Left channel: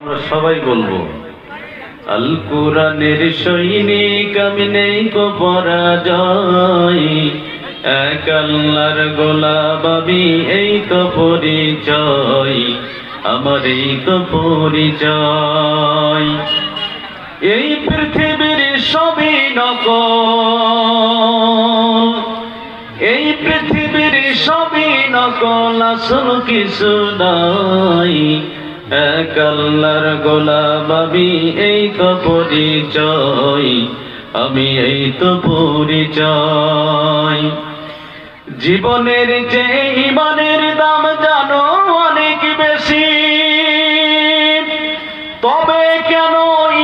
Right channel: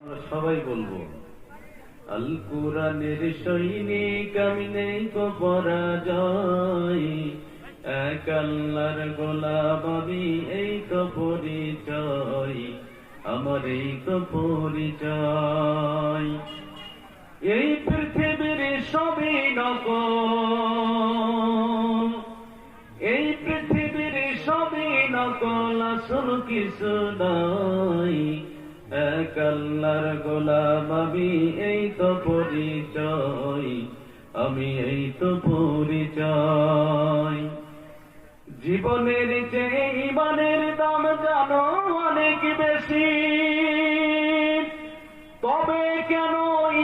আমরা সবাই বলবো আল কোরআনের সৈনিক আমি নেই কো পরাজয়, এক আল্লাহর গোলাম আমি, এই তো পরিচয় আমার, এই তো পরিচয়। এই পৃথিবীর সবই নকল, এই পৃথিবীর সবই নকল, আসল কিছু নাই, এক আল্লাহর গোলাম আমি, এই তো পরিচয় আমি, এই তো পরিচয়। জীবনের যে ইমানের দাম জানো অনেক বেশি, তবে কেন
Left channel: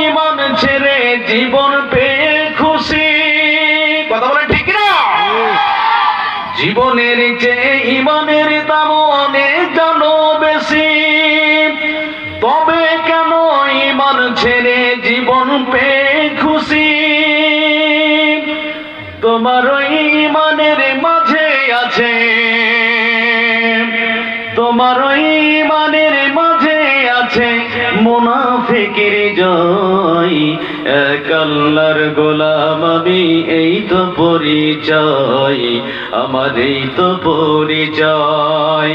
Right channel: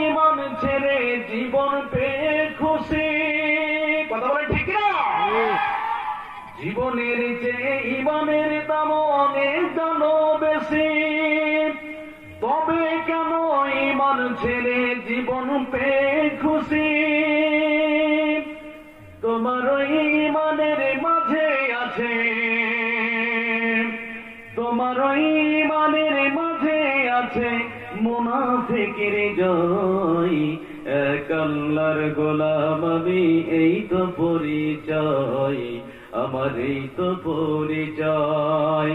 ইমান ছেড়ে জীবন পেয়ে খুশি? কথা বলেন ঠিক না? জীবনের যে ইমানের দাম অনেক জানো বেশি, তবে কেন ইমান ছেড়ে জীবন পেয়ে খুশি? তোমার ওই ইমানের মাঝে আছে, তোমার ওই ইমানের মাঝে আছে মুনাফিকের জয়, এক আল্লাহর গোলাম আমি, এই তো পরিচয় আমার, এই তো পরিচয়।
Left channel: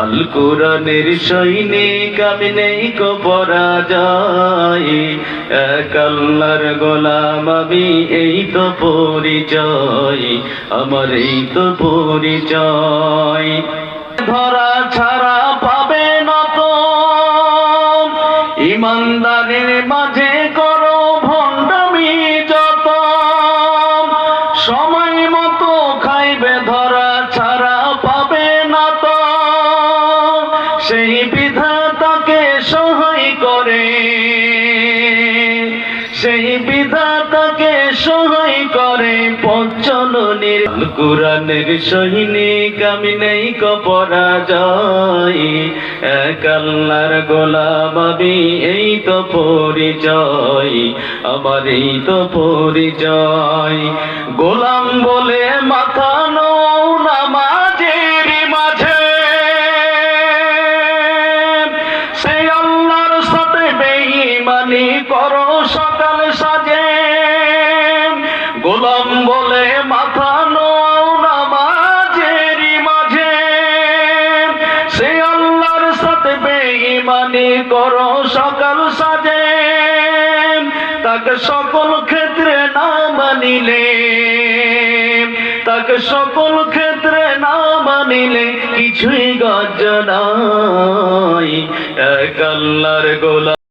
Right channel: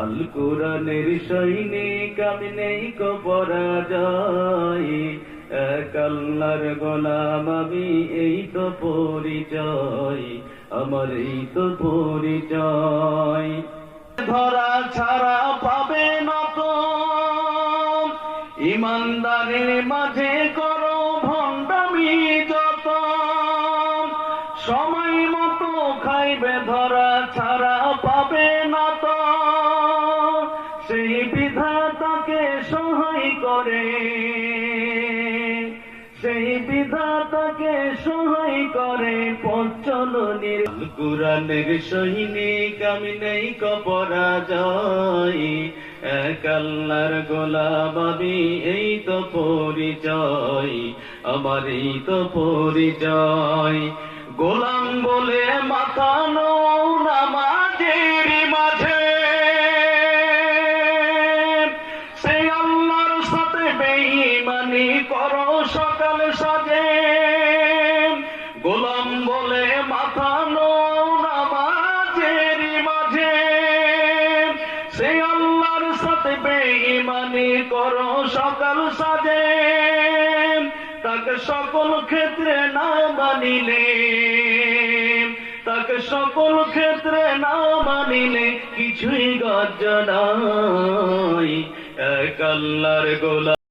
আল কোরআনের সৈনিক আমি নেই কো পরাজয়, এক আল্লাহর গোলাম আমি, এই তো পরিচয় আমার, এই তো পরিচয়। ধরা ছাড়া পাবে না তো ইমানদারের মাঝে করো ভণ্ডামি যত, সময় মতো খাইবে ধরা ছাড়া পাবে না তো, সেই বিধাতাকে সহায় করে, সেই বিধাতাকে সহায় করে পঞ্চলনের। কোরআনের সৈনিক আমি নেই কো পরাজয়, এক আল্লাহর গোলাম আমি, এই তো পরিচয় আমার, এই তো পরিচয়। গোলাম বলে মাথা নও নামাজের মাঝে, সেই আল্লাহর সাথে বেঈমানি করো সকাল সাজে। গোলাম বলে মাথা নও নামাজের মাঝে, সেই আল্লাহর সাথে বেঈমানি করো সকাল সাজে। তাকে সকল ক্ষেত্রে না মানিলে, তাকে সকল ক্ষেত্রে না মানিলে কিছুই গর্জ নাই, এক আল্লাহর গোলাম।